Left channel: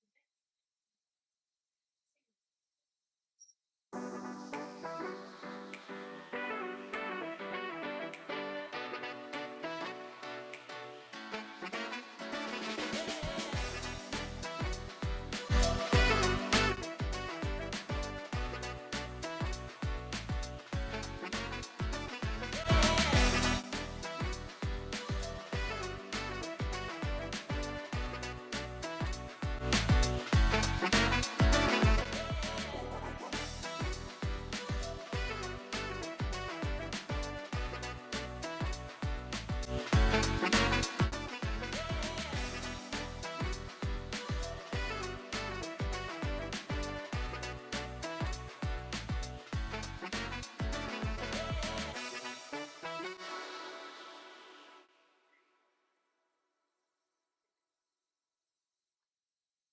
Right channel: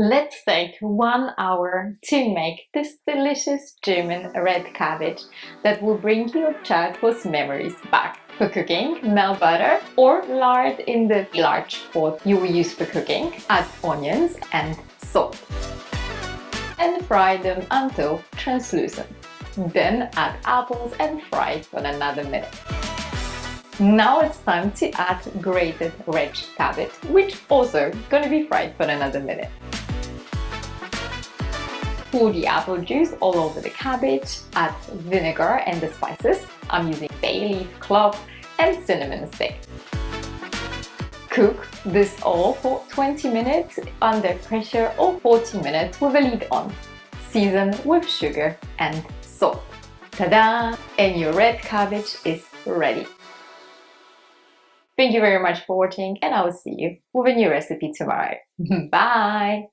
Let's take 1 hour to make this delicious German red cabbage that will bring your childhood's memories back. For cooking, melt butter or lard in the large pot you will use for cooking. Add onions and salt and fry them until translucent. Then add apples and fry for another minute. Now it's time to add grated red cabbage, which also gonna be fried for another minute. Pour the apple juice all over the cabbage, add vinegar and the spices. I'm using bay leaf, clove and cinnamon stick. Cook this all for 20 minutes under pressure or 40 minutes with a lid on. Season with sugar and salt. Ta-da! And your red cabbage is ready. Thank you very much for watching and I will see you with a new recipe tomorrow. Bye!